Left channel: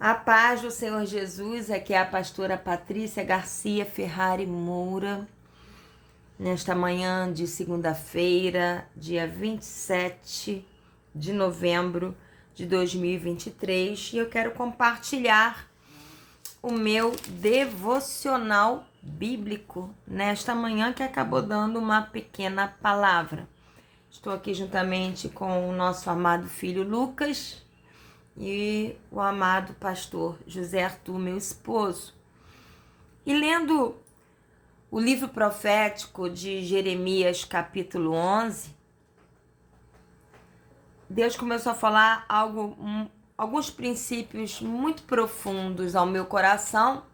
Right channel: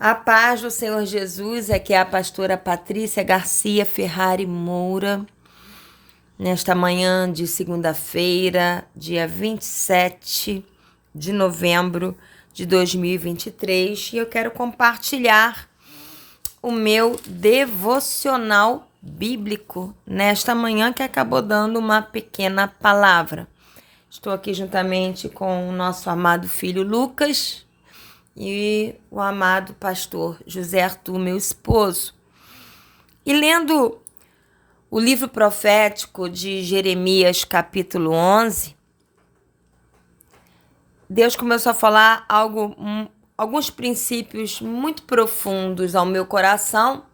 A paz do Senhor Jesus, aqui é a pastora Patrícia Garcia Ferrari Moura, nesta manhã de segunda-feira, dia 27 de novembro de 2023, e eu quero compartilhar o meu devocional bíblico nesta manhã que acabou dando uma pequena palavra. Estou aqui juntamente com o nosso amado filho Lucas e o amado pastor José Arthur, meu esposo. E lendo o livro profético de Jeremias, capítulo 11, Deus começou a falar alguns princípios muito profundos ao meu coração,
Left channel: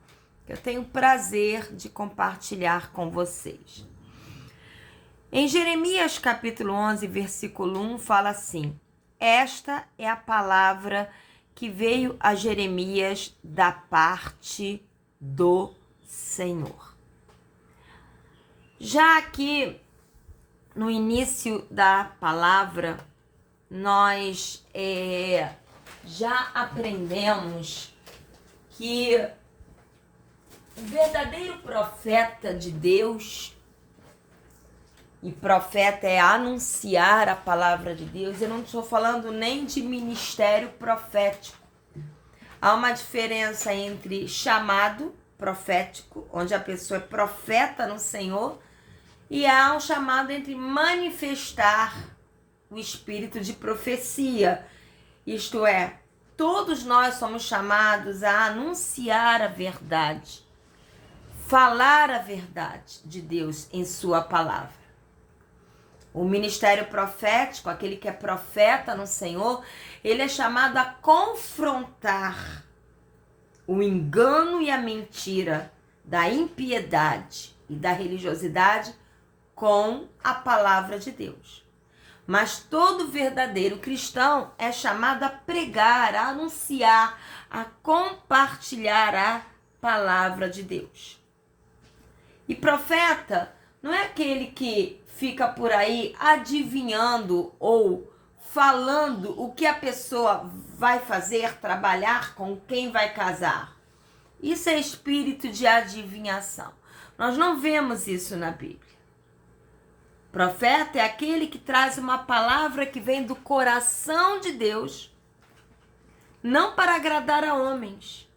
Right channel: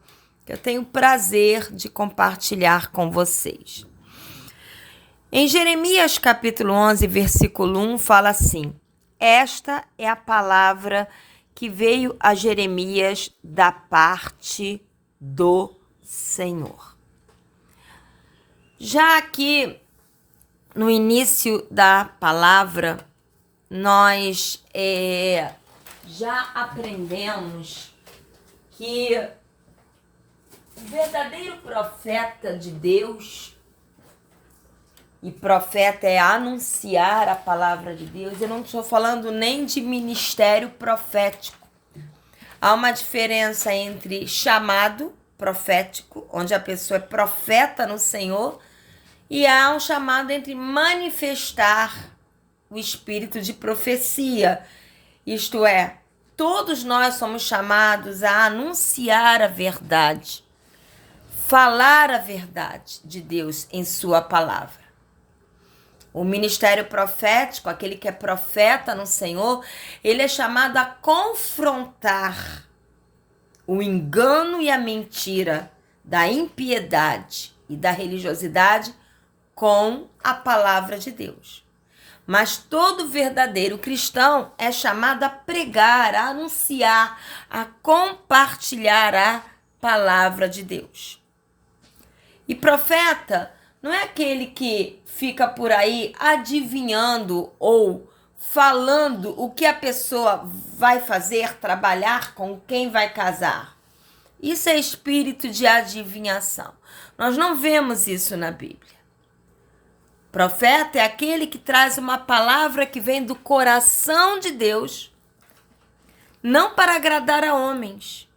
que eu tenho o prazer de compartilhar com vocês. Em Jeremias, capítulo 11, versículo 1, fala assim: Esta é a palavra que veio a Jeremias da parte do Senhor. Já aqui no início da palavra, nós já aprendemos que o verdadeiro profeta de Deus, e profeta é anunciar a palavra de Deus, eu não estou falando nem de ministério profético. Há uma diferença entre chamado profético, onde a pessoa é profeta no Senhor, e há um chamado entre manifestar o espírito de profecia. Isto é, todos nós somos chamados a anunciar a verdade, falar a verdade de Deus em sua palavra. O ministério profético, aquele que é profeta no Senhor, ele é chamado a confrontar o engano e a mentira da impiedade e da religiosidade com a palavra de Deus. Mas todo verdadeiro cristão é chamado a pregar, a anunciar, a compartilhar a palavra de Deus. E profeta não é aquele que fica por aí adivinhando ou falando o que a pessoa vai fazer, trabalhar, com quem vai casar. Isso é espírito de adivinhação. Nós não vemos isso na Bíblia. Profeta é aquele que traz uma palavra que vem do coração de Deus, não para agradar a homens,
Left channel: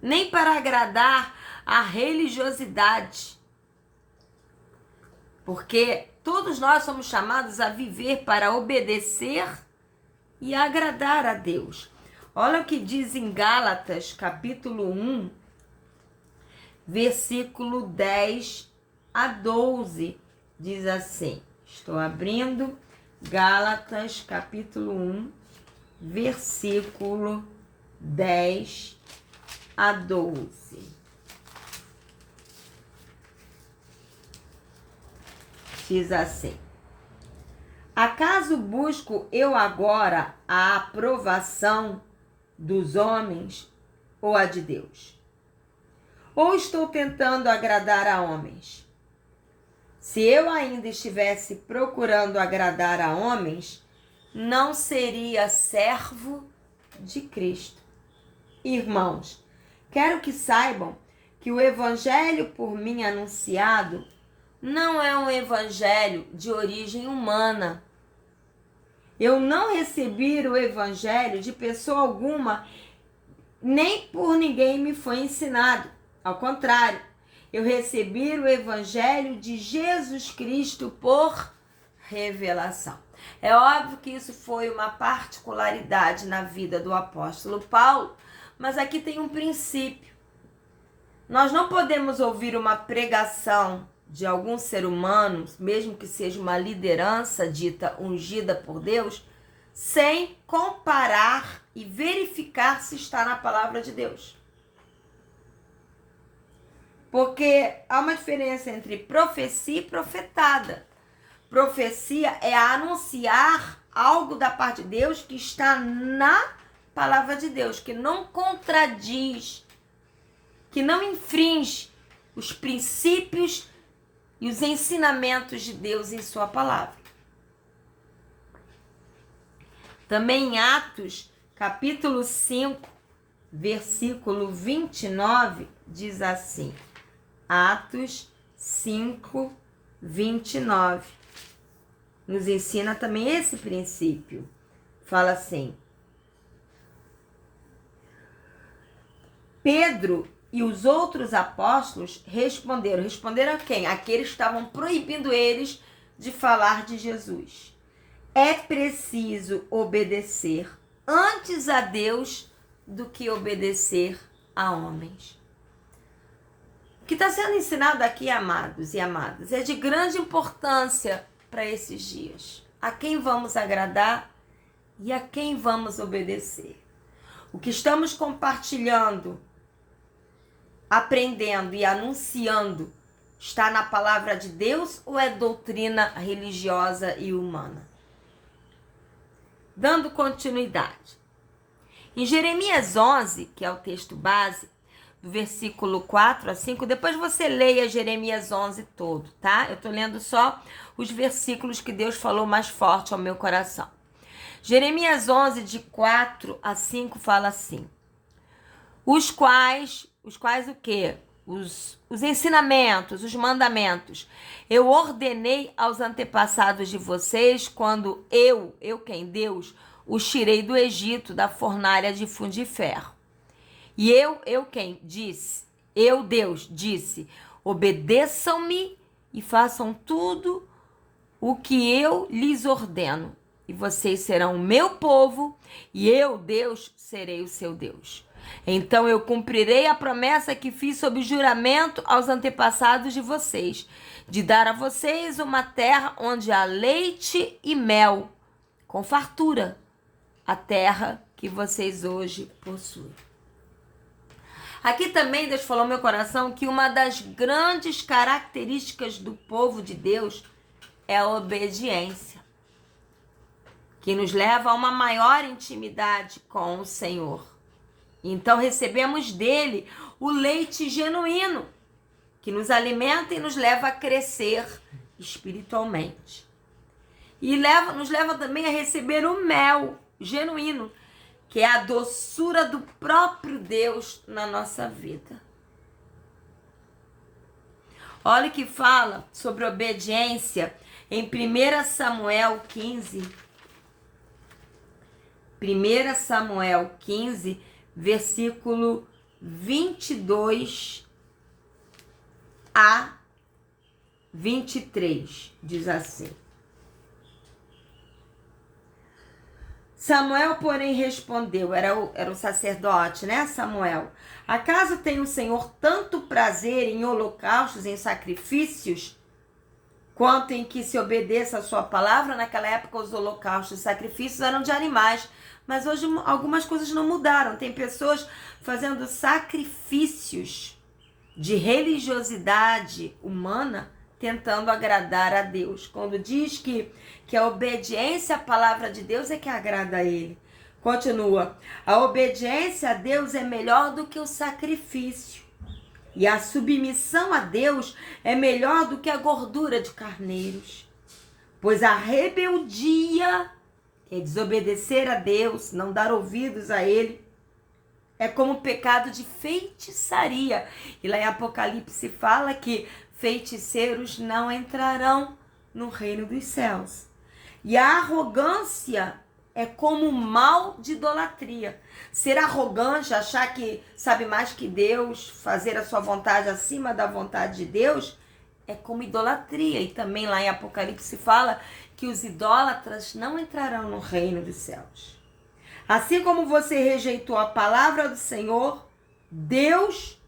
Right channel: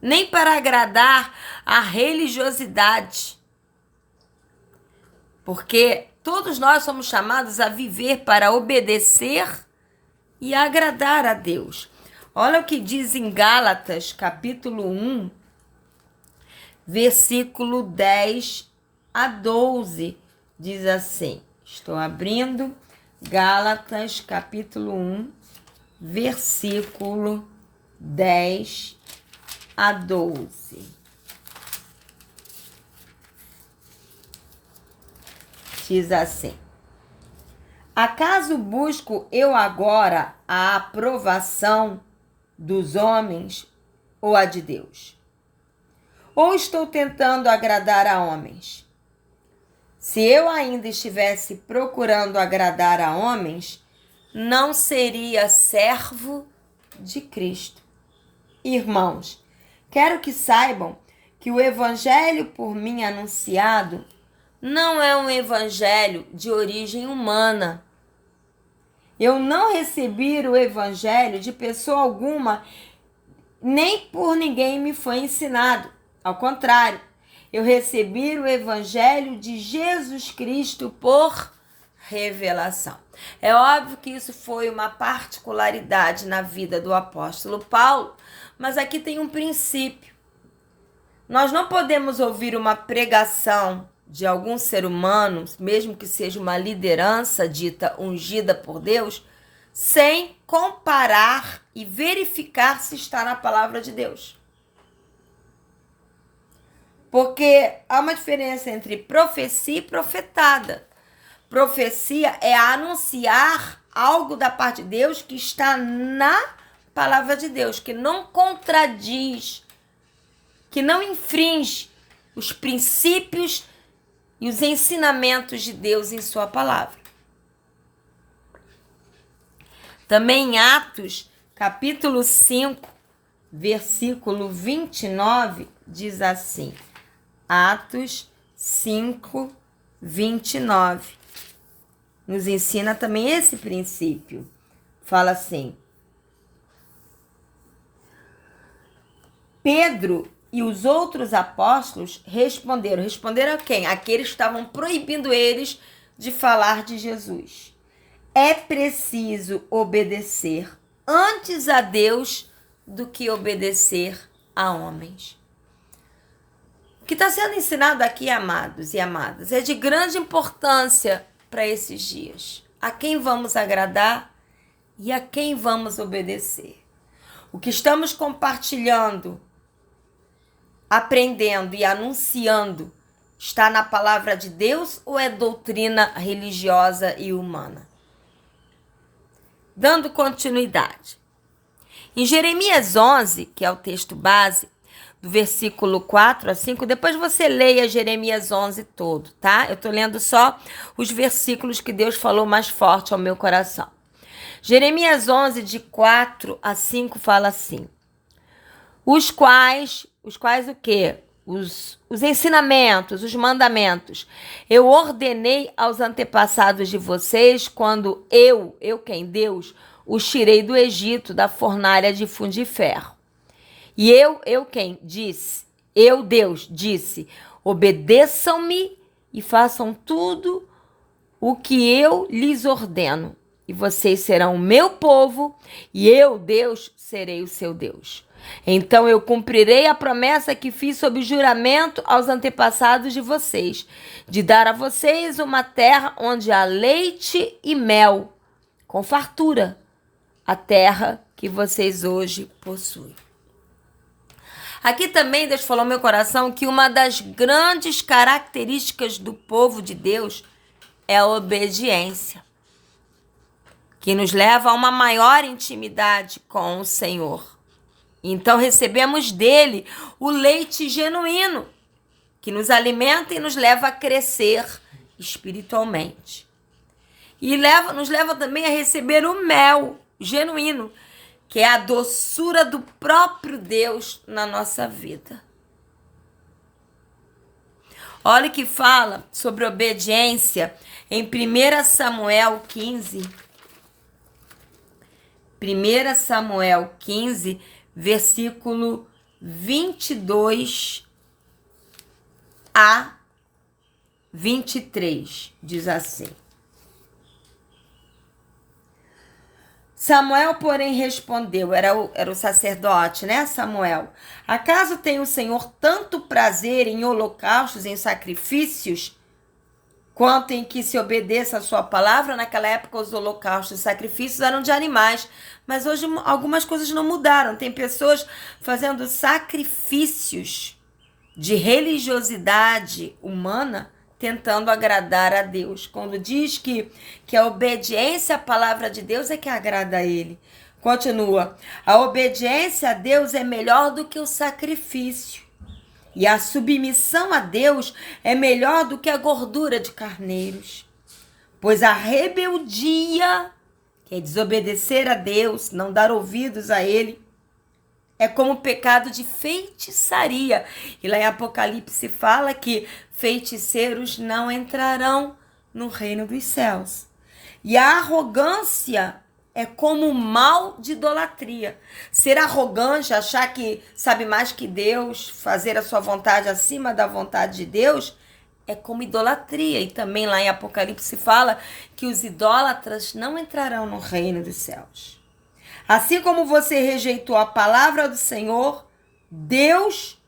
nem para agradar a religiosidade. Porque todos nós somos chamados a viver para obedecer e agradar a Deus. Olha o que diz em Gálatas, capítulo 1, versículo 10 a 12. Diz assim, estou abrindo Gálatas, capítulo 1, versículo 10 a 12. Diz assim: Acaso busco eu agora a aprovação dos homens ou a de Deus? Ou estou tentando agradar a homens? Se eu ainda estivesse procurando agradar a homens, não seria servo de Cristo. Irmãos, quero que saibam que o evangelho por mim anunciado não é um evangelho de origem humana. Eu não recebi o evangelho de pessoa alguma, nem por ninguém me foi ensinado. Ao contrário, eu recebi o evangelho de Jesus Cristo por revelação. É óbvio que isso foi uma particularidade na vida do apóstolo Paulo, mas aqui tem um princípio. Nós não podemos ouvir uma pregação de algum ser humano, mesmo que seja uma liderança dita ungida por Deus, sem comparar e verificar se está na palavra de Deus. Porque há uma diferença entre profecia e profetada. Profecia é anunciar algo da parte de Deus que está na palavra de Deus, que não contradiz, que não infringe os princípios e os ensinamentos de Deus em sua palavra. Também em Atos, capítulo 5, versículo 29, diz assim. Atos 5, 29. Nos ensina também esse princípio. Fala assim. Pedro e os outros apóstolos responderam. Responderam a quem? Aqueles que estavam proibindo eles de falar de Jesus. É preciso obedecer antes a Deus do que obedecer a homens. O que está sendo ensinado aqui, amados e amadas, é de grande importância para esses dias. A quem vamos agradar e a quem vamos obedecer. O que estamos compartilhando, aprendendo e anunciando está na palavra de Deus ou é doutrina religiosa e humana? Dando continuidade. Em Jeremias 11, que é o texto base, do versículo 4 a 5, depois você leia Jeremias 11 todo, tá? Eu tô lendo só os versículos que Deus falou mais forte ao meu coração. Jeremias 11, de 4 a 5, fala assim. Os quais o quê? Os ensinamentos, os mandamentos. Eu ordenei aos antepassados de vocês quando eu quem? Deus, os tirei do Egito, da fornalha de fundir ferro. E eu quem? Disse. Eu, Deus, disse, obedeçam-me e façam tudo o que eu lhes ordeno. E vocês serão o meu povo e eu, Deus, serei o seu Deus. Então eu cumprirei a promessa que fiz sob juramento aos antepassados de vocês, de dar a vocês uma terra onde há leite e mel, com fartura, a terra que vocês hoje possuem. Aqui também Deus falou no meu coração que uma das grandes características do povo de Deus é a obediência, que nos leva a uma maior intimidade com o Senhor. Então recebemos dele o leite genuíno, que nos alimenta e nos leva a crescer espiritualmente. E nos leva também a receber o mel genuíno, que é a doçura do próprio Deus na nossa vida. Olha o que fala sobre obediência em 1 Samuel 15. 1 Samuel 15, versículo 22 a 23, diz assim. Samuel, porém, respondeu, era o sacerdote, né, Samuel? Acaso tem o Senhor tanto prazer em holocaustos, em sacrifícios, quanto em que se obedeça a sua palavra? Naquela época, os holocaustos e sacrifícios eram de animais, mas hoje algumas coisas não mudaram. Tem pessoas fazendo sacrifícios de religiosidade humana, tentando agradar a Deus. Quando diz que a obediência à palavra de Deus é que agrada a Ele. Continua. A obediência a Deus é melhor do que o sacrifício. E a submissão a Deus é melhor do que a gordura de carneiros. Pois a rebeldia, que é desobedecer a Deus, não dar ouvidos a Ele, é como o pecado de feitiçaria. E lá em Apocalipse fala que feiticeiros não entrarão no reino dos céus. E a arrogância é como o mal de idolatria. Ser arrogante, achar que sabe mais que Deus, fazer a sua vontade acima da vontade de Deus, é como idolatria. E também lá em Apocalipse fala que os idólatras não entrarão no reino dos céus. Assim como você rejeitou a palavra do Senhor, Deus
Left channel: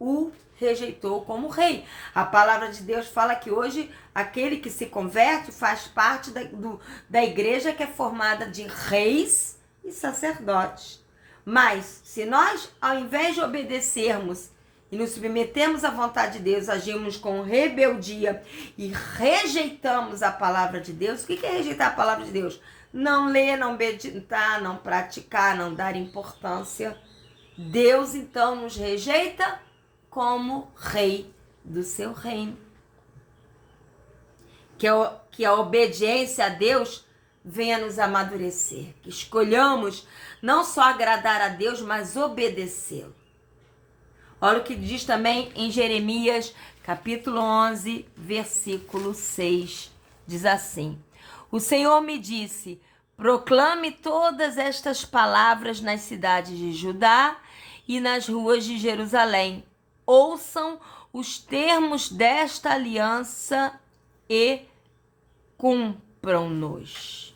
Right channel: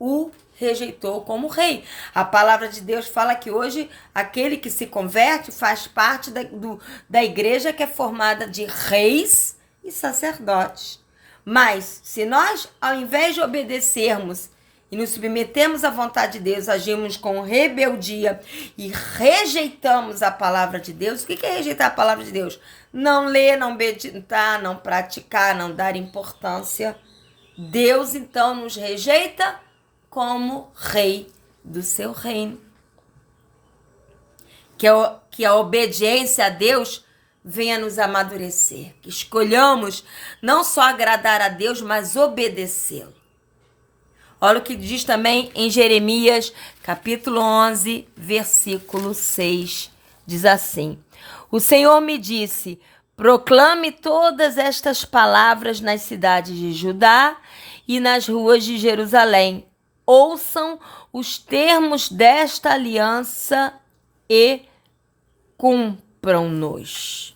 o rejeitou como rei. A palavra de Deus fala que hoje aquele que se converte faz parte da igreja que é formada de reis e sacerdotes. Mas se nós, ao invés de obedecermos e nos submetemos à vontade de Deus, agimos com rebeldia e rejeitamos a palavra de Deus. O que é rejeitar a palavra de Deus? Não ler, não meditar, não praticar, não dar importância. Deus, então, nos rejeita como rei do seu reino. Que a obediência a Deus venha nos amadurecer, que escolhamos não só agradar a Deus, mas obedecê-lo. Olha o que diz também em Jeremias, capítulo 11, versículo 6. Diz assim: o Senhor me disse: proclame todas estas palavras nas cidades de Judá e nas ruas de Jerusalém. Ouçam os termos desta aliança e cumpram-nos.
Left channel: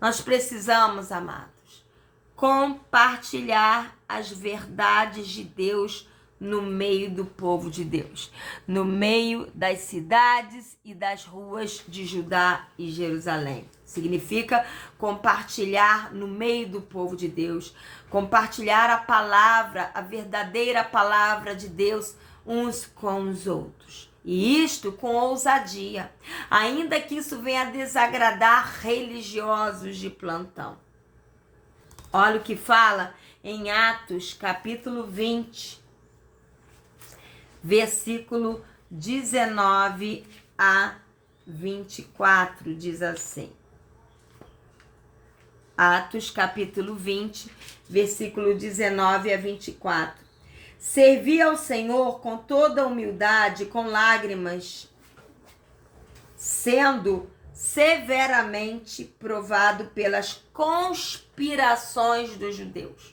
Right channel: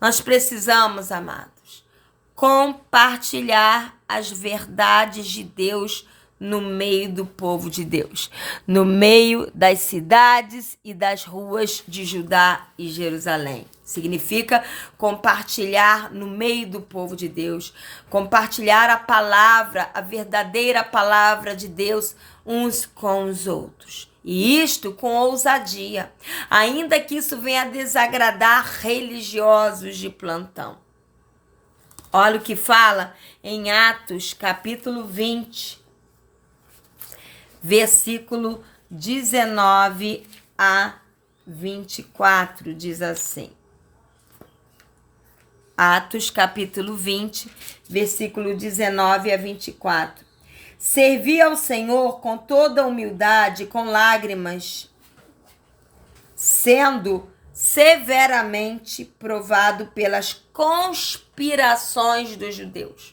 Nós precisamos, amados, compartilhar as verdades de Deus no meio do povo de Deus, no meio das cidades e das ruas de Judá e Jerusalém. Significa compartilhar no meio do povo de Deus, compartilhar a palavra, a verdadeira palavra de Deus uns com os outros. E isto com ousadia, ainda que isso venha a desagradar religiosos de plantão. Olha o que fala em Atos, capítulo 20, versículo 19 a 24, diz assim. Atos, capítulo 20, versículo 19 a 24. Servi ao Senhor com toda humildade, com lágrimas, sendo severamente provado pelas conspirações dos judeus.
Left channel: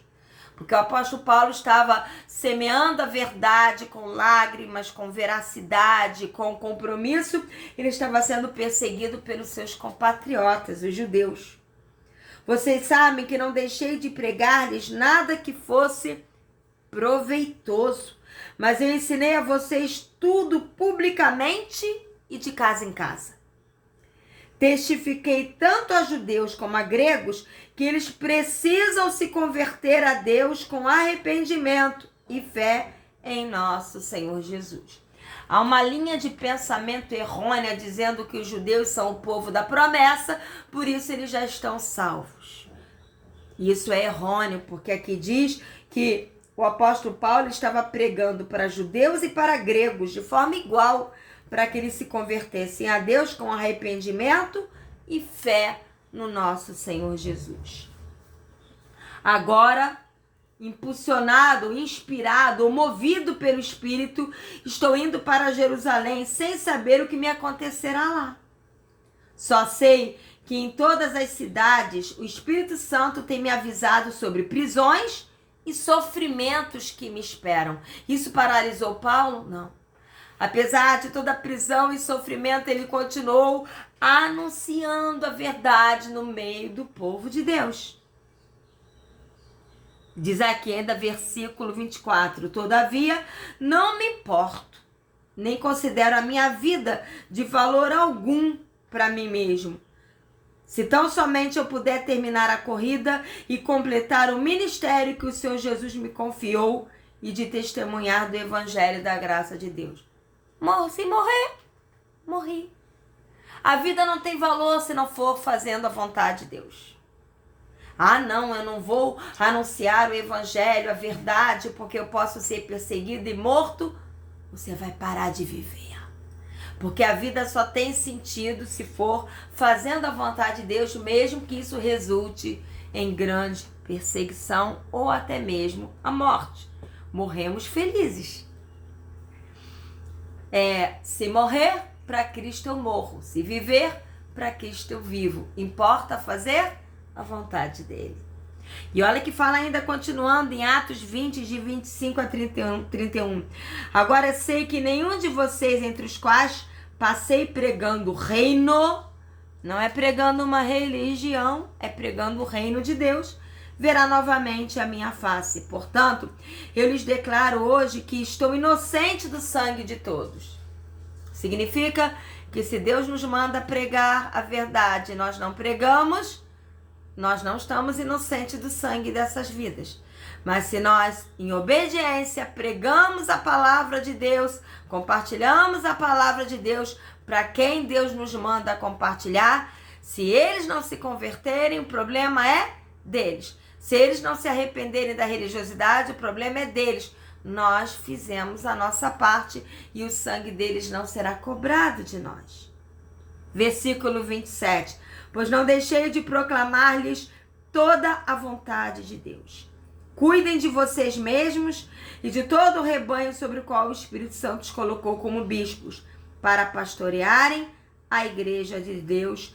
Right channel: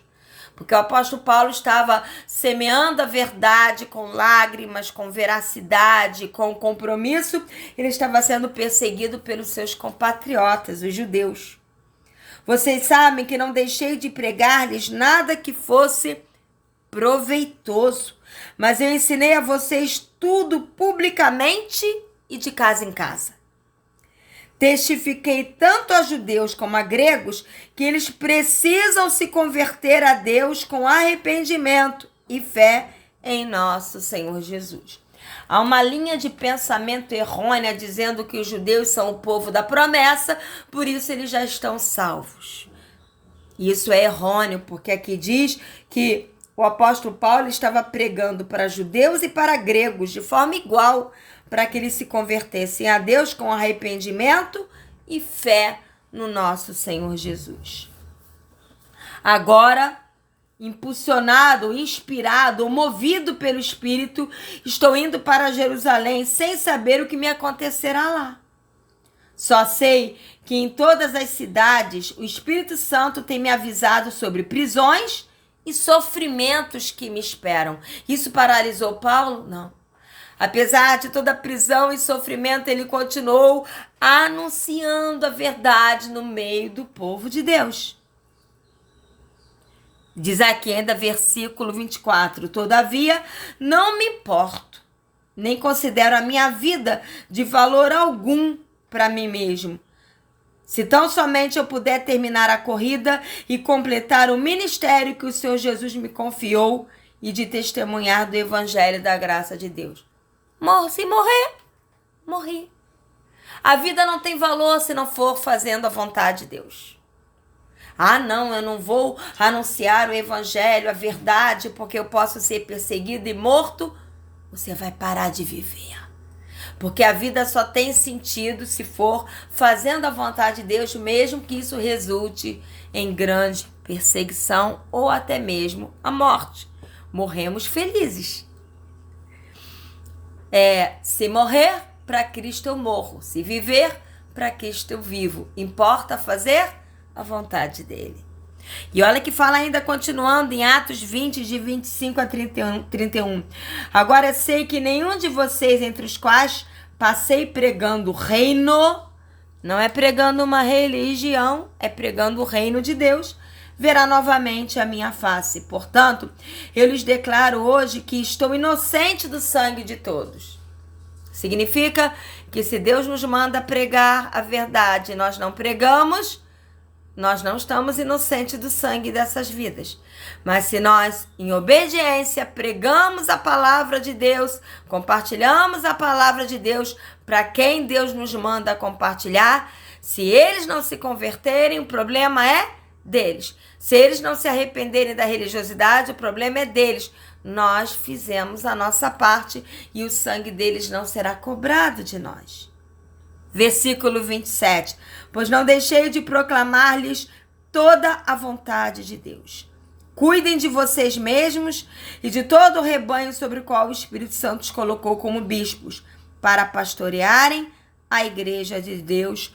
Porque o apóstolo Paulo estava semeando a verdade com lágrimas, com veracidade, com compromisso. Ele estava sendo perseguido pelos seus compatriotas, os judeus. Vocês sabem que não deixei de pregar-lhes nada que fosse proveitoso, mas eu ensinei a vocês tudo publicamente e de casa em casa. Testifiquei tanto a judeus como a gregos que eles precisam se converter a Deus com arrependimento e fé em nosso Senhor Jesus. Há uma linha de pensamento errônea dizendo que os judeus são o povo da promessa, por isso eles já estão salvos. Isso é errôneo, porque aqui diz que o apóstolo Paulo estava pregando para judeus e para gregos de forma igual, para que eles se convertessem a Deus com arrependimento e fé no nosso Senhor Jesus. Agora, impulsionado, inspirado, movido pelo Espírito, estou indo para Jerusalém sem saber o que me acontecerá lá. Só sei que em todas as cidades o Espírito Santo tem me avisado sobre prisões e sofrimentos que me esperam. Isso paralisou Paulo? Não. Apesar de toda a prisão e sofrimento, ele continuou anunciando a verdade no meio do povo de Deus. Diz aqui ainda versículo 24: todavia não me importo, nem considero a minha vida de valor algum para mim mesmo, se tão somente eu puder terminar a corrida e completar o ministério que o Senhor Jesus me confiou e de testemunhar do evangelho da graça de Deus. Se morrer, morri. A vida não tem valor se não for fazendo a vontade de Deus. Ah, não, eu não vou anunciar o evangelho, a verdade, porque eu posso ser perseguido e morto. Você vai parar de viver. Porque a vida só tem sentido se for fazendo a vontade de Deus, mesmo que isso resulte em grande perseguição ou até mesmo a morte. Morremos felizes. Se morrer, para Cristo eu morro. Se viver, para Cristo eu vivo. Importa fazer a vontade dele. E olha que fala ainda, continuando em Atos 20, de 25 a 31. Agora sei que nenhum de vocês, entre os quais passei pregando o reino, não é pregando uma religião, é pregando o reino de Deus, verá novamente a minha face. Portanto, eu lhes declaro hoje que estou inocente do sangue de todos. Significa que se Deus nos manda pregar a verdade e nós não pregamos, nós não estamos inocentes do sangue dessas vidas. Mas se nós, em obediência, pregamos a palavra de Deus, compartilhamos a palavra de Deus para quem Deus nos manda compartilhar, se eles não se converterem, o problema é deles. Se eles não se arrependerem da religiosidade, o problema é deles. Nós fizemos a nossa parte e o sangue deles não será cobrado de nós. Versículo 27. Pois não deixei de proclamar-lhes toda a vontade de Deus. Cuidem de vocês mesmos e de todo o rebanho sobre o qual o Espírito Santo os colocou como bispos, para pastorearem a igreja de Deus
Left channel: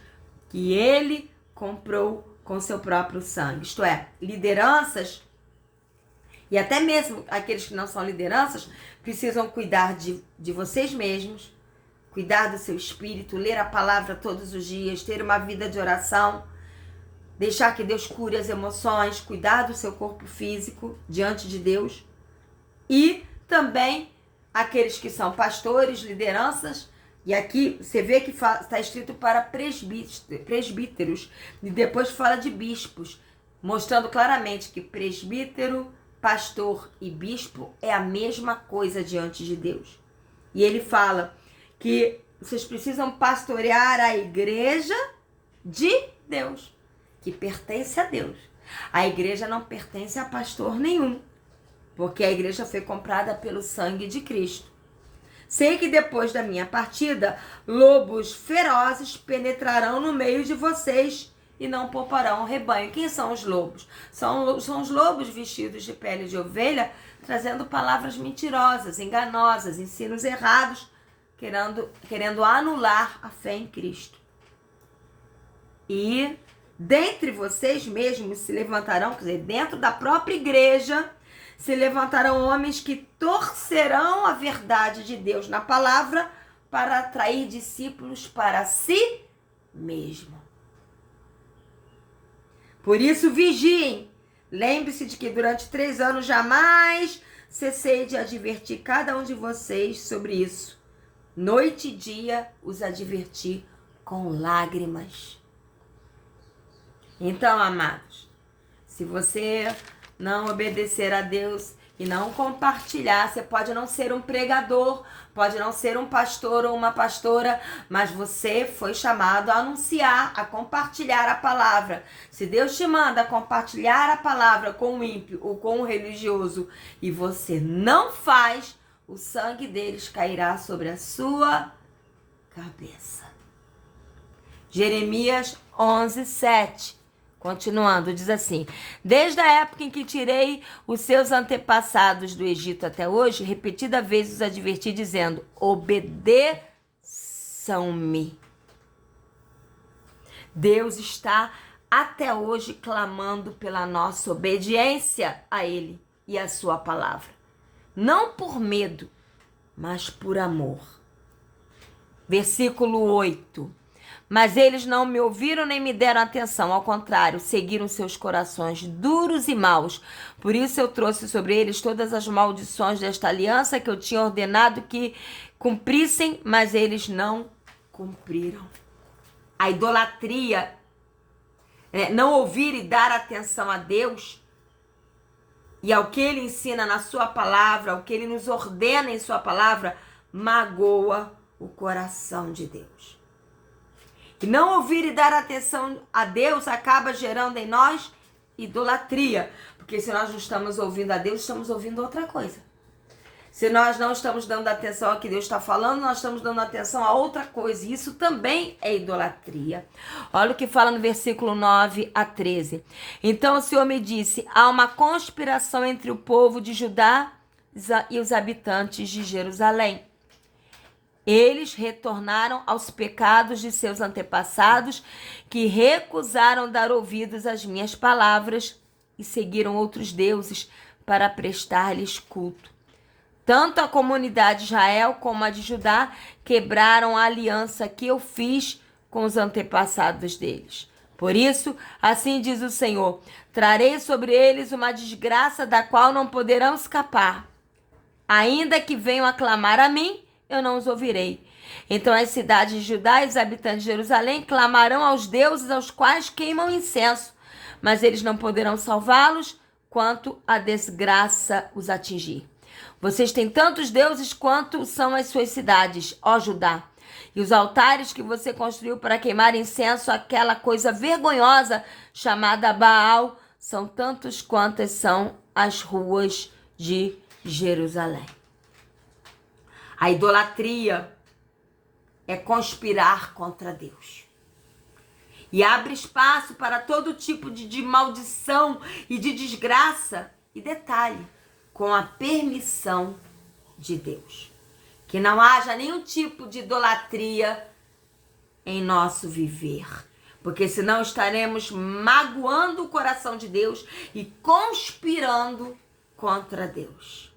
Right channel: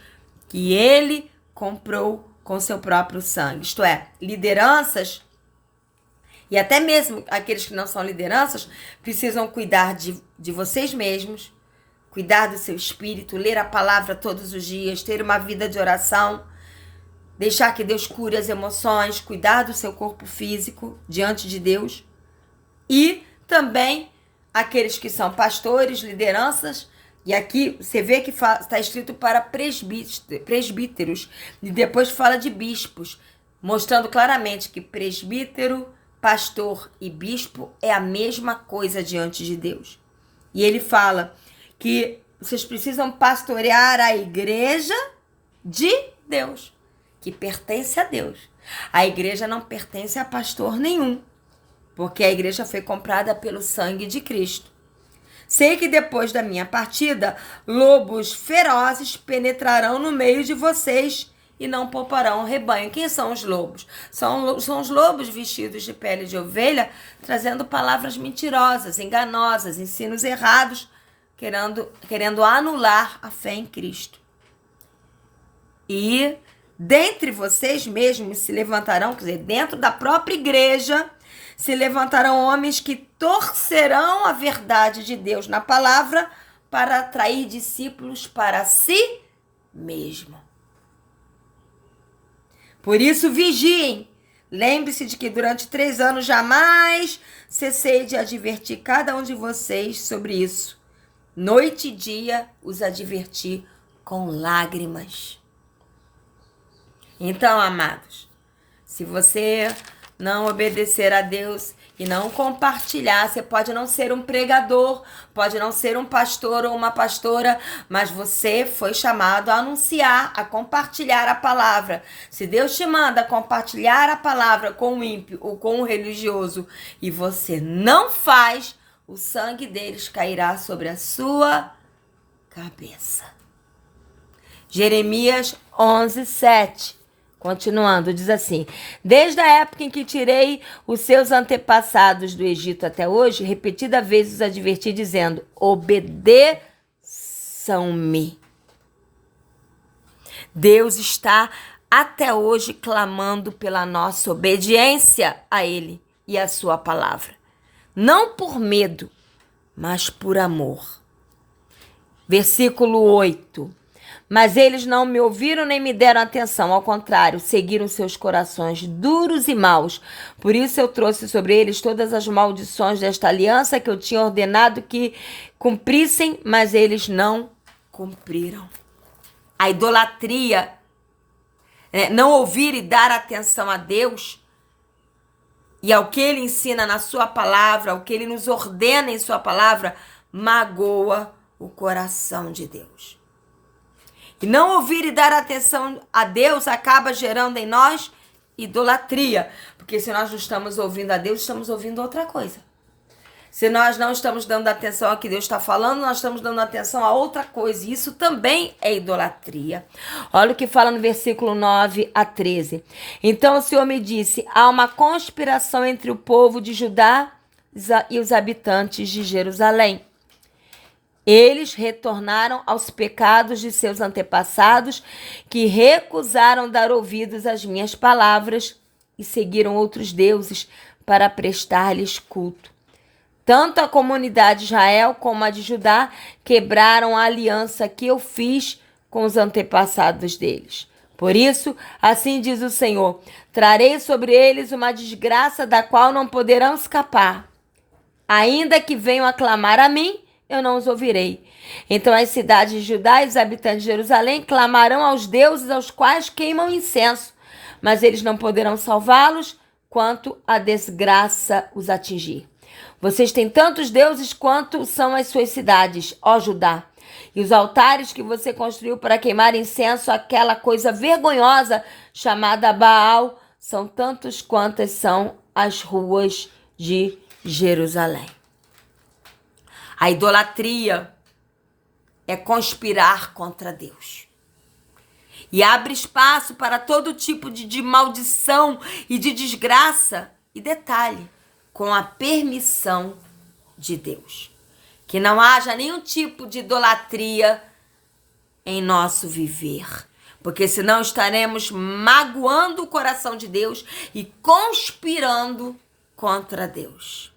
que ele comprou com seu próprio sangue. Isto é, lideranças, e até mesmo aqueles que não são lideranças, precisam cuidar de vocês mesmos, cuidar do seu espírito, ler a palavra todos os dias, ter uma vida de oração, deixar que Deus cure as emoções, cuidar do seu corpo físico diante de Deus. E também aqueles que são pastores, lideranças, e aqui você vê que está escrito para presbíteros, e depois fala de bispos, mostrando claramente que presbítero, pastor e bispo é a mesma coisa diante de Deus. E ele fala que vocês precisam pastorear a igreja de Deus, que pertence a Deus. A igreja não pertence a pastor nenhum, porque a igreja foi comprada pelo sangue de Cristo. Sei que depois da minha partida, lobos ferozes penetrarão no meio de vocês e não pouparão o rebanho. Quem são os lobos? São os lobos vestidos de pele de ovelha, trazendo palavras mentirosas, enganosas, ensinos errados, querendo anular a fé em Cristo. E dentre vocês mesmos se levantarão, quer dizer, dentro da própria igreja, se levantarão homens que torcerão a verdade de Deus na palavra para atrair discípulos para si mesmo. Por isso, vigiem. Lembre-se de que durante 3 anos jamais cessei de advertir cada um de vocês sobre isso. Noite e dia os adverti com lágrimas. Então, amados, se você não obedecer a Deus e não compartilhar, você pode não ser um pregador, pode não ser um pastor ou uma pastora, mas você foi chamado a anunciar, a compartilhar a palavra. Se Deus te manda compartilhar a palavra com o ímpio ou com o religioso e você não faz, o sangue deles cairá sobre a sua cabeça. Jeremias 11:7. Continuando, diz assim: desde a época em que tirei os seus antepassados do Egito até hoje, repetida vez os adverti, dizendo: obedeçam-me. Deus está até hoje clamando pela nossa obediência a Ele e a sua palavra. Não por medo, mas por amor. Versículo 8. Mas eles não me ouviram nem me deram atenção. Ao contrário, seguiram seus corações duros e maus. Por isso eu trouxe sobre eles todas as maldições desta aliança que eu tinha ordenado que cumprissem, mas eles não cumpriram. A idolatria, não ouvir e dar atenção a Deus e ao que Ele ensina na sua palavra, ao que Ele nos ordena em sua palavra, magoa o coração de Deus. E não ouvir e dar atenção a Deus acaba gerando em nós idolatria. Porque se nós não estamos ouvindo a Deus, estamos ouvindo outra coisa. Se nós não estamos dando atenção ao que Deus está falando, nós estamos dando atenção a outra coisa. E isso também é idolatria. Olha o que fala no versículo 9 a 13. Então o Senhor me disse: há uma conspiração entre o povo de Judá e os habitantes de Jerusalém. Eles retornaram aos pecados de seus antepassados, que recusaram dar ouvidos às minhas palavras e seguiram outros deuses para prestar-lhes culto. Tanto a comunidade de Israel como a de Judá quebraram a aliança que eu fiz com os antepassados deles. Por isso, assim diz o Senhor: trarei sobre eles uma desgraça da qual não poderão escapar. Ainda que venham a clamar a mim, eu não os ouvirei. Então as cidades de Judá e os habitantes de Jerusalém clamarão aos deuses aos quais queimam incenso, mas eles não poderão salvá-los quanto a desgraça os atingir. Vocês têm tantos deuses quanto são as suas cidades, ó Judá. E os altares que você construiu para queimar incenso, aquela coisa vergonhosa chamada Baal, são tantos quantas são as ruas de Jerusalém. A idolatria é conspirar contra Deus. E abre espaço para todo tipo de maldição e de desgraça. E detalhe, com a permissão de Deus. Que não haja nenhum tipo de idolatria em nosso viver. Porque senão estaremos magoando o coração de Deus e conspirando contra Deus.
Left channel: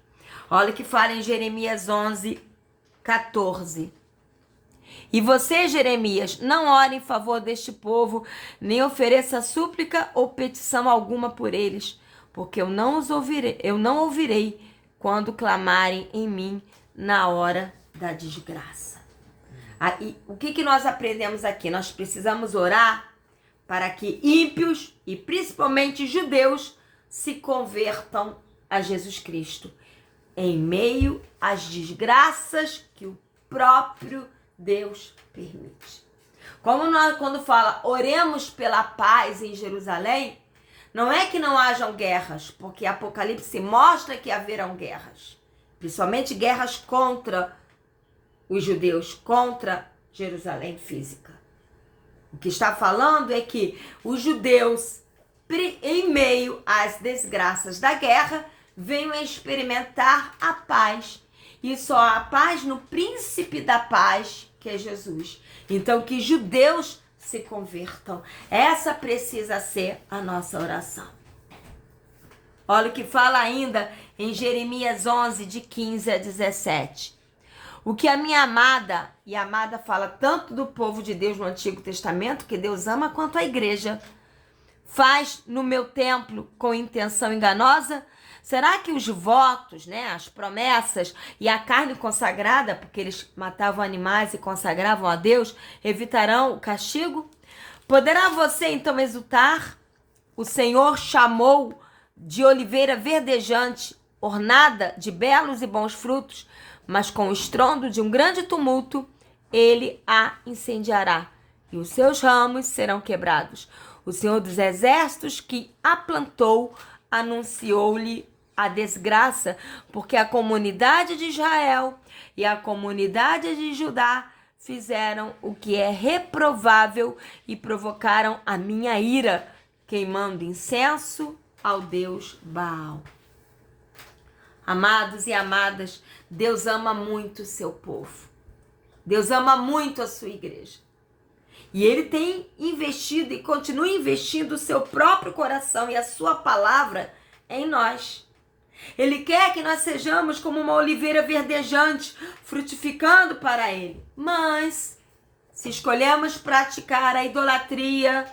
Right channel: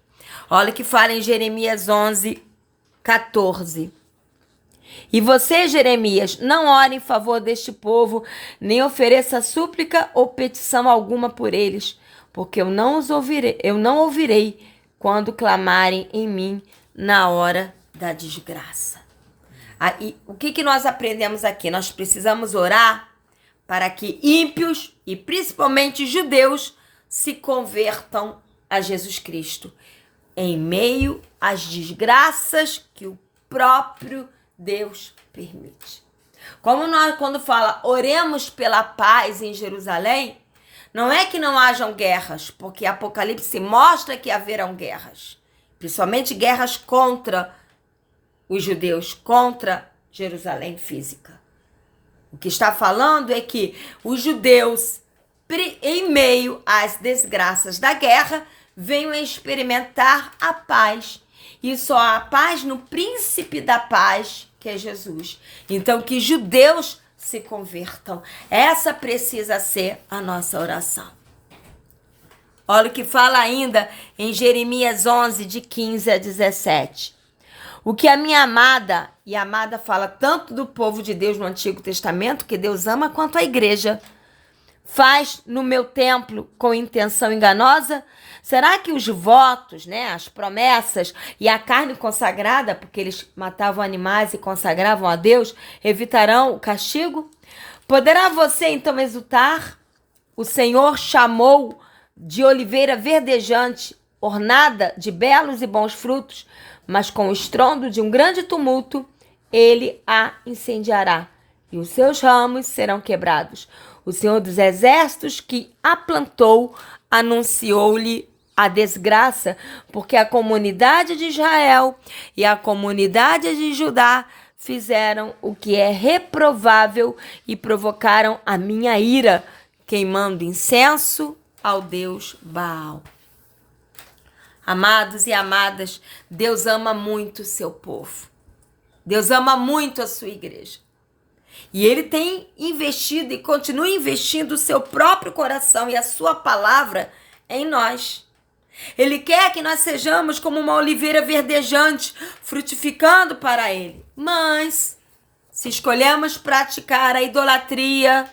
Olha o que fala em Jeremias 11:14. E você, Jeremias, não ore em favor deste povo, nem ofereça súplica ou petição alguma por eles, porque eu não ouvirei quando clamarem em mim na hora da desgraça. Aí, o que nós aprendemos aqui? Nós precisamos orar para que ímpios e principalmente judeus se convertam a Jesus Cristo em meio às desgraças que o próprio Deus permite. Como nós, quando fala oremos pela paz em Jerusalém, não é que não hajam guerras, porque Apocalipse mostra que haverão guerras, principalmente guerras contra os judeus, contra Jerusalém física. O que está falando é que os judeus, em meio às desgraças da guerra, venham a experimentar a paz. E só há paz no príncipe da paz, que é Jesus. Então, que judeus se convertam. Essa precisa ser a nossa oração. Olha o que fala ainda em Jeremias 11, de 15 a 17. O que a minha amada, e a amada fala tanto do povo de Deus no Antigo Testamento, que Deus ama, quanto a igreja, faz no meu templo com intenção enganosa? Será que os votos, as promessas e a carne consagrada, porque eles matavam animais e consagravam a Deus, evitarão o castigo? Poderá você então exultar? O Senhor chamou de oliveira verdejante, ornada de belos e bons frutos, mas com o estrondo de um grande tumulto, ele a incendiará, e os seus ramos serão quebrados. O Senhor dos Exércitos que a plantou anunciou-lhe a desgraça, porque a comunidade de Israel e a comunidade de Judá fizeram o que é reprovável e provocaram a minha ira, queimando incenso ao Deus Baal. Amados e amadas, Deus ama muito o seu povo. Deus ama muito a sua igreja. E ele tem investido e continua investindo o seu próprio coração e a sua palavra em nós. Ele quer que nós sejamos como uma oliveira verdejante, frutificando para ele. Mas, se escolhemos praticar a idolatria,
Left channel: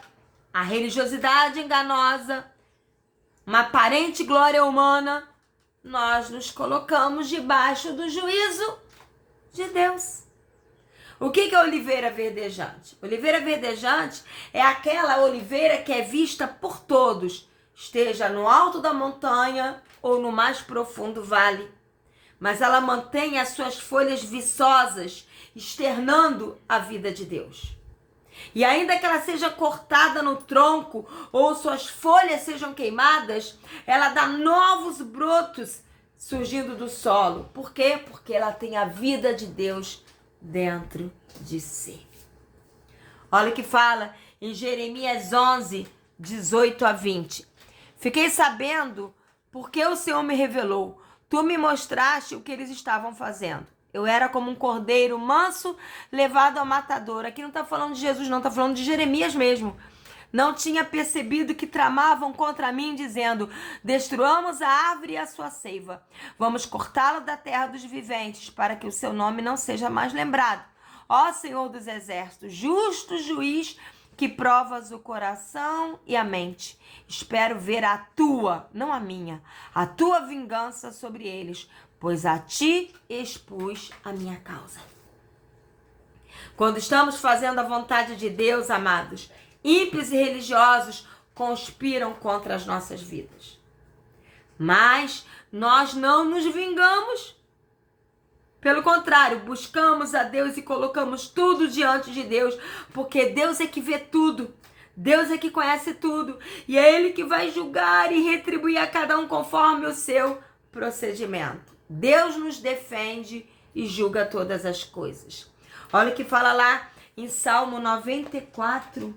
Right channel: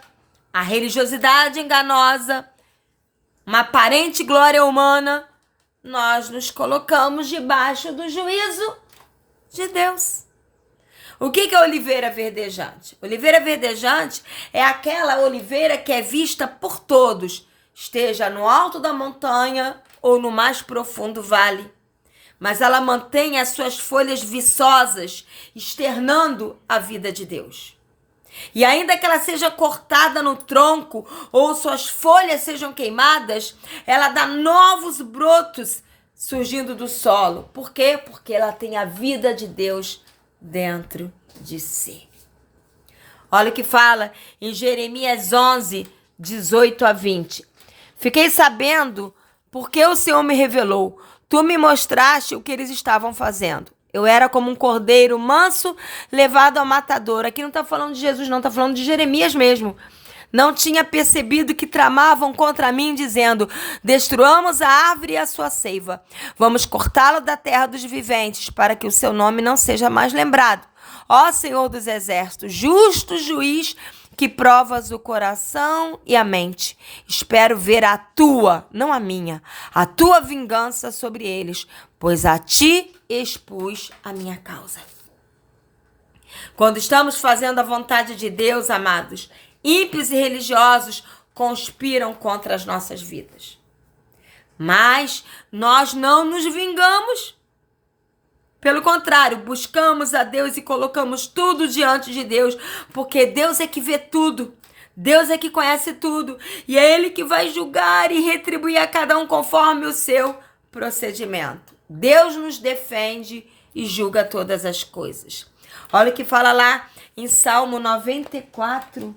a religiosidade enganosa, uma aparente glória humana, nós nos colocamos debaixo do juízo de Deus. O que é oliveira verdejante? Oliveira verdejante é aquela oliveira que é vista por todos, esteja no alto da montanha ou no mais profundo vale. Mas ela mantém as suas folhas viçosas, externando a vida de Deus. E ainda que ela seja cortada no tronco ou suas folhas sejam queimadas, ela dá novos brotos surgindo do solo. Por quê? Porque ela tem a vida de Deus dentro de si. Olha o que fala em Jeremias 11, 18 a 20. Fiquei sabendo porque o Senhor me revelou. Tu me mostraste o que eles estavam fazendo. Eu era como um cordeiro manso levado ao matador. Aqui não está falando de Jesus, não, está falando de Jeremias mesmo. Não tinha percebido que tramavam contra mim, dizendo: destruamos a árvore e a sua seiva. Vamos cortá-lo da terra dos viventes, para que o seu nome não seja mais lembrado. Ó Senhor dos Exércitos, justo juiz, que provas o coração e a mente. Espero ver a tua, não a minha, a tua vingança sobre eles, pois a ti expus a minha causa. Quando estamos fazendo a vontade de Deus, amados, ímpios e religiosos conspiram contra as nossas vidas. Mas nós não nos vingamos. Pelo contrário, buscamos a Deus e colocamos tudo diante de Deus, porque Deus é que vê tudo. Deus é que conhece tudo. E é Ele que vai julgar e retribuir a cada um conforme o seu procedimento. Deus nos defende e julga todas as coisas. Olha o que fala lá em Salmo 94.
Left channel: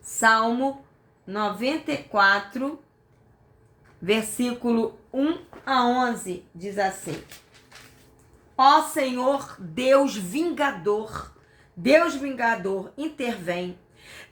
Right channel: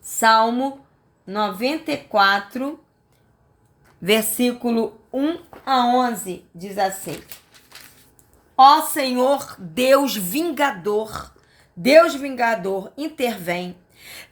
Salmo 94, versículo 1 a 11, diz assim: Ó Senhor, Deus vingador, intervém.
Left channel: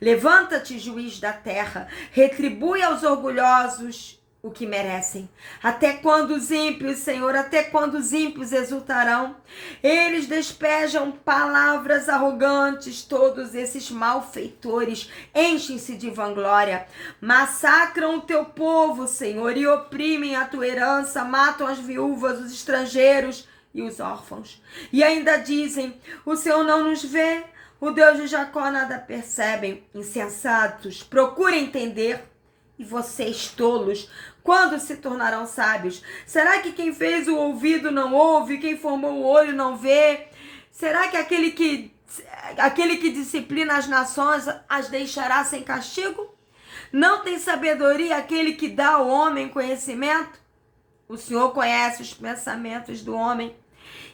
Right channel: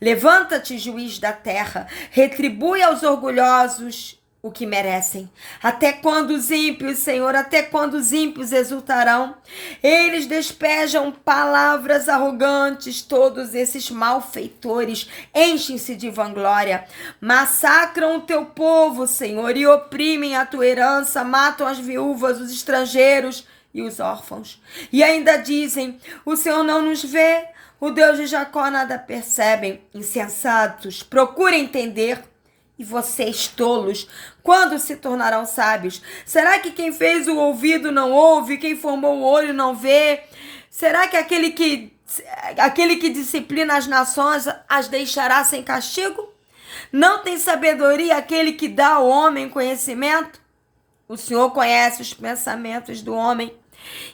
Levanta-te, juiz da terra, retribui aos orgulhosos o que merecem. Até quando os ímpios, Senhor, até quando os ímpios exultarão? Eles despejam palavras arrogantes, todos esses malfeitores enchem-se de vanglória. Massacram o teu povo, Senhor, e oprimem a tua herança, matam as viúvas, os estrangeiros e os órfãos. E ainda dizem: o Senhor não nos vê, o Deus de Jacó nada percebem. Insensatos, procurem entender. E vocês, tolos, quando se tornarão sábios? Será que quem fez o ouvido não ouve, quem formou o olho não vê? Será que aquele que disciplina as nações as deixará sem castigo? Não tem sabedoria aquele que dá ao homem conhecimento? O Senhor conhece os pensamentos do homem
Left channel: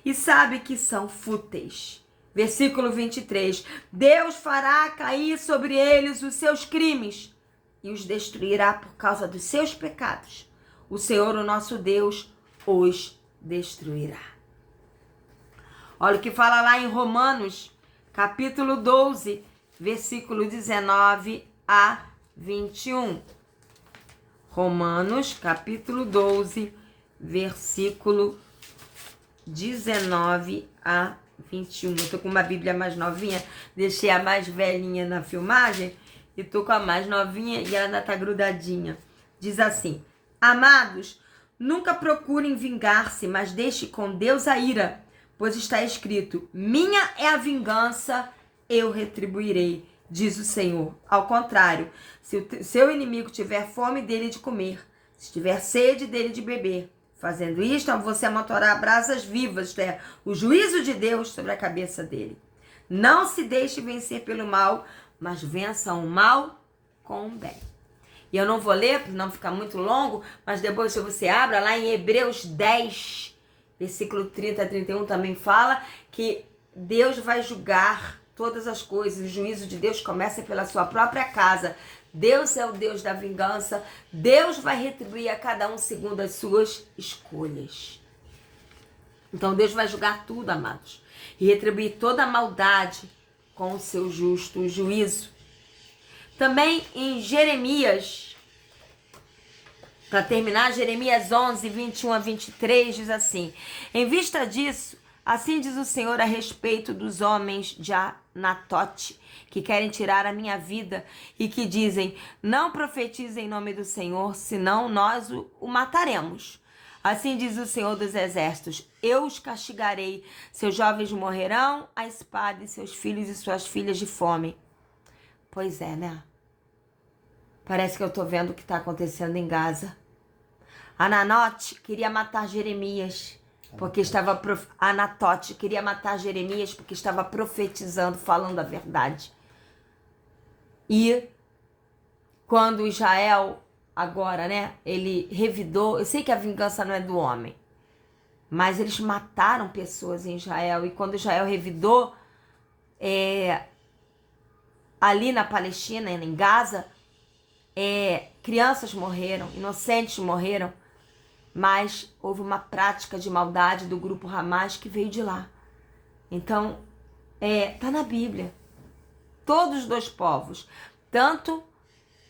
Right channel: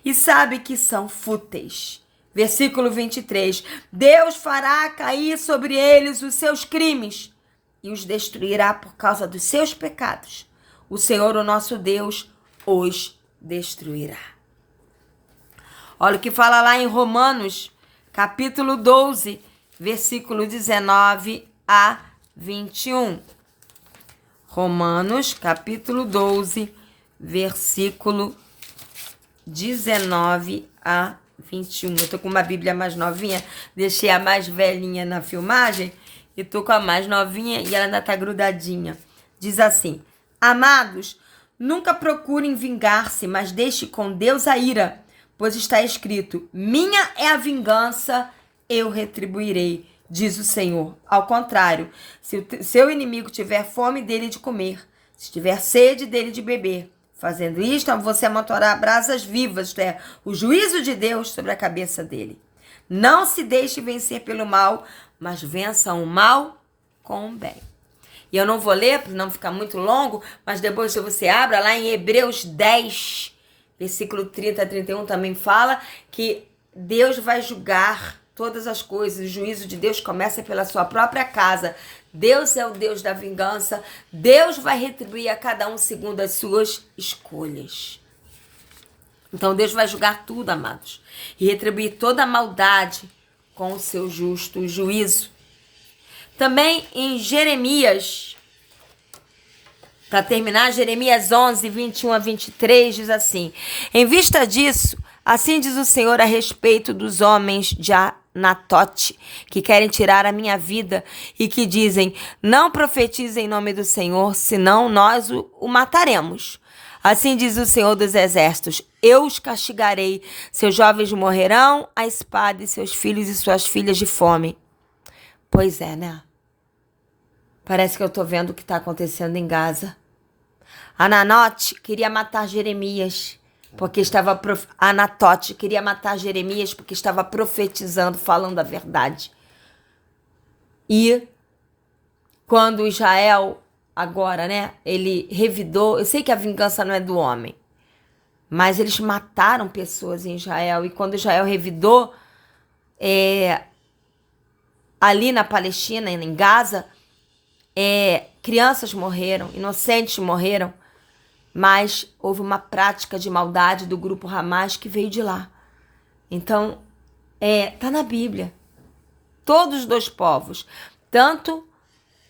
e sabe que são fúteis. Versículo 23. Deus fará cair sobre eles os seus crimes e os destruirá por causa dos seus pecados. O Senhor, o nosso Deus, os destruirá. Olha o que fala lá em Romanos, capítulo 12, versículo 19 a 21. Romanos, capítulo 12, versículo 19 a 21. Eu tô com uma Bíblia mais novinha, deixei a mais velhinha na filmagem e tô com a mais novinha e ela ainda tá grudadinha. Diz assim: Amados, nunca procurem vingar-se, mas deixe com Deus a ira, pois está escrito: minha é a vingança, eu retribuirei, diz o Senhor. Ao contrário, se o seu inimigo tiver fome, dele de comer, se tiver sede, dele de beber. Fazendo isto, você amontoará brasas vivas, isto é, o juízo de Deus sobre a cabeça dele. Não se deixe vencer pelo mal, mas vença o mal com o bem. E eu não vou ler, para não ficar muito longo, mas depois que você abra lá em Hebreus 10, versículo 30 a 31, também fala que Deus vai julgar todas as coisas. O juízo de Deus começa pela sua própria casa. Deus é o Deus da vingança. Deus vai retribuir a cada um segundo as suas escolhas. Então Deus vai julgar tudo, amados, e retribuir toda a maldade com o seu justo juízo. Também em Jeremias, para terminar, Jeremias 11, 21 a 23, diz assim: Em vista disso, assim diz o Senhor a respeito dos homens de Anatote, que querem tirar a minha vida e que dizem: não profetize em nome do Senhor, senão nós o mataremos. Assim diz o Senhor dos Exércitos: eu os castigarei, seus jovens morrerão à espada e seus filhos e suas filhas de fome. Pois é, né? Parece que eu tô vendo o que tá acontecendo em Gaza. Anatote queria matar Jeremias, porque estava Anatote queria matar Jeremias porque estava profetizando, falando a verdade. E quando Israel agora, né, ele revidou, eu sei que a vingança não é do homem, mas eles mataram pessoas em Israel, e quando Israel revidou, ali na Palestina, em Gaza, crianças morreram, inocentes morreram, mas houve uma prática de maldade do grupo Hamas que veio de lá. Então, tá na Bíblia. Todos os dois povos, tanto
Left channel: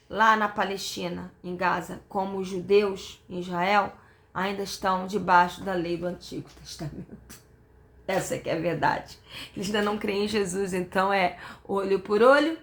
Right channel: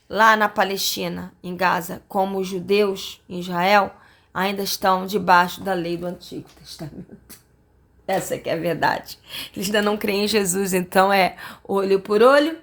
lá na Palestina, em Gaza, como os judeus em Israel, ainda estão debaixo da lei do Antigo Testamento. Essa que é a verdade. Eles ainda não creem em Jesus, então é olho por olho,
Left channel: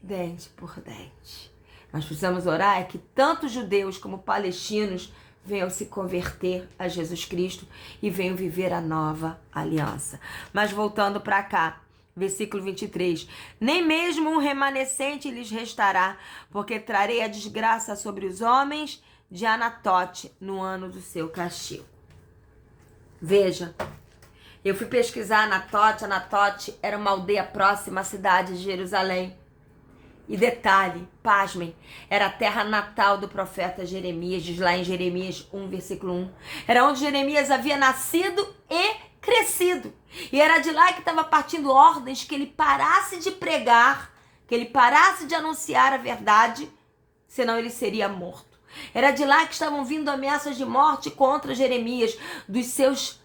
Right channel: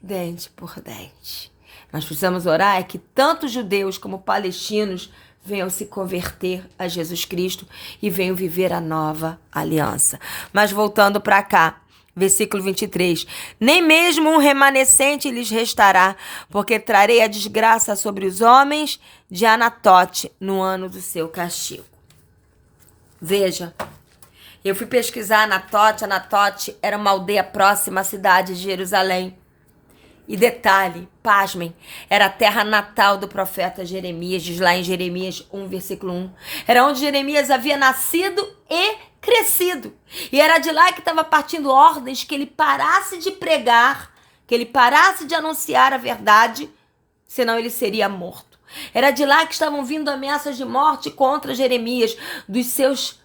dente por dente. Nós precisamos orar que tanto judeus como palestinos venham se converter a Jesus Cristo e venham viver a nova aliança. Mas voltando para cá, versículo 23. Nem mesmo um remanescente lhes restará, porque trarei a desgraça sobre os homens de Anatote no ano do seu castigo. Veja, eu fui pesquisar Anatote. Anatote era uma aldeia próxima à cidade de Jerusalém. E detalhe, pasmem, era a terra natal do profeta Jeremias, diz lá em Jeremias 1, versículo 1. Era onde Jeremias havia nascido e crescido. E era de lá que estava partindo ordens que ele parasse de pregar, que ele parasse de anunciar a verdade, senão ele seria morto. Era de lá que estavam vindo ameaças de morte contra Jeremias, dos seus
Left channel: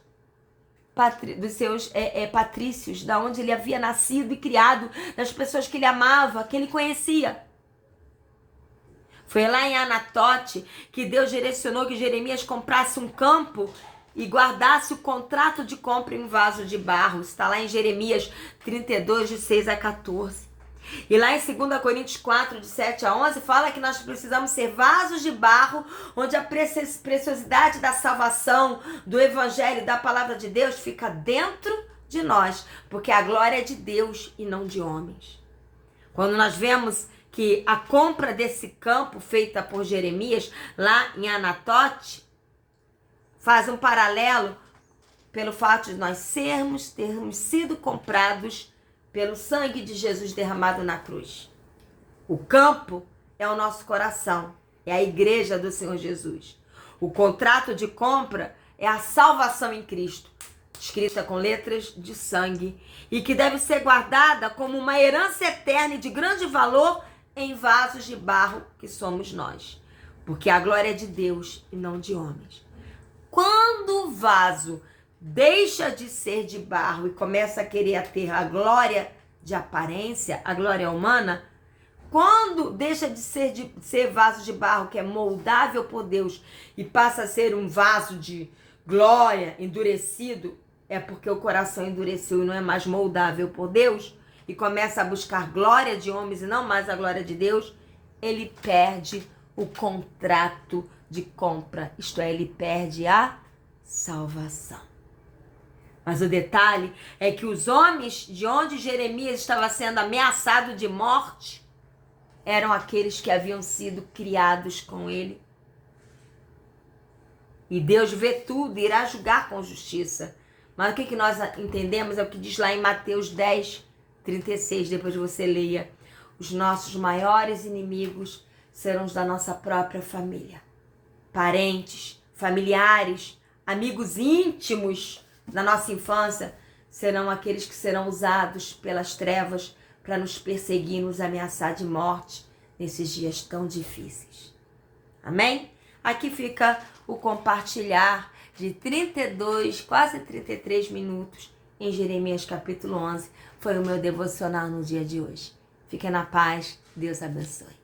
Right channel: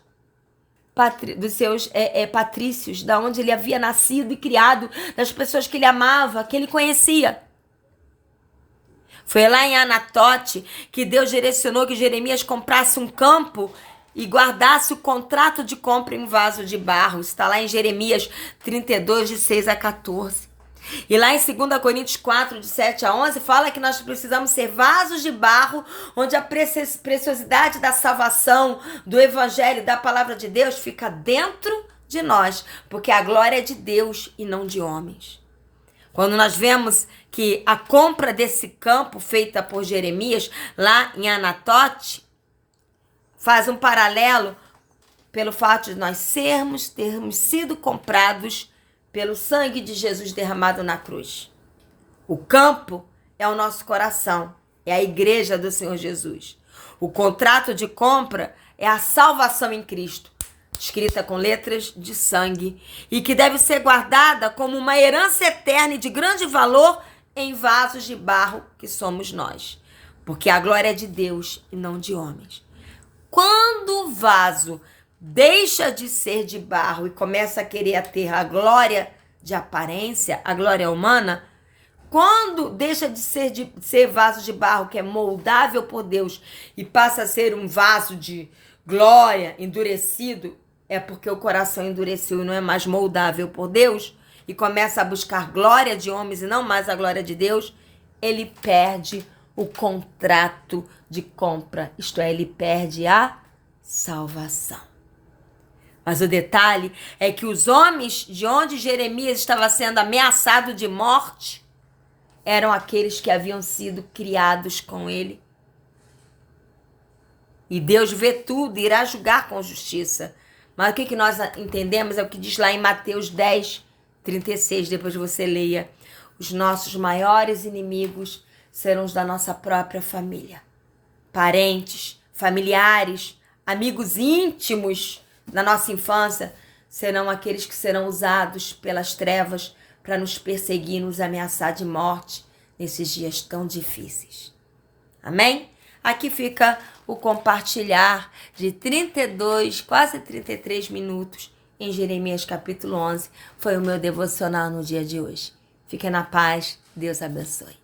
patrícios, da onde ele havia nascido e criado, das pessoas que ele amava, que ele conhecia. Foi lá em Anatote que Deus direcionou que Jeremias comprasse um campo e guardasse o contrato de compra em vaso de barro. Está lá em Jeremias 32, de 6 a 14. E lá em 2 Coríntios 4, de 7 a 11, fala que nós precisamos ser vasos de barro, onde a preciosidade da salvação, do evangelho, da palavra de Deus fica dentro de nós, porque a glória é de Deus e não de homens. Quando nós vemos que a compra desse campo feita por Jeremias, lá em Anatote, faz um paralelo pelo fato de nós termos sido comprados pelo sangue de Jesus derramado na cruz. O campo é o nosso coração, é a igreja do Senhor Jesus. O contrato de compra é a salvação em Cristo, escrita com letras de sangue, e que deve ser guardada como uma herança eterna e de grande valor em vasos de barro que somos nós, porque a glória é de Deus e não de homens. Quando o vaso deixa de ser de barro e começa a querer ter a glória de aparência, a glória humana, quando deixa de ser vaso de barro que é moldável por Deus e passa a ser um vaso de glória endurecido, é porque o coração endureceu e não é mais moldável por Deus e começa a buscar glória de homens e não mais a glória de Deus, ele perde o contrato de compra, isto é, ele perde a salvação. Mas o detalhe é que os homens de onde Jeremias estava sendo ameaçado de morte eram aqueles que haviam sido criados com ele. E Deus vê tudo e irá julgar com justiça. Mas o que nós entendemos é o que diz lá em Mateus 10, 36, depois você leia. Os nossos maiores inimigos serão os da nossa própria família. Parentes, familiares, amigos íntimos da nossa infância serão aqueles que serão usados pelas trevas para nos perseguir, nos ameaçar de morte nesses dias tão difíceis. Amém? Aqui fica o compartilhar de 32, quase 33 minutos em Jeremias capítulo 11. Foi o meu devocional no dia de hoje. Fique na paz. Deus abençoe.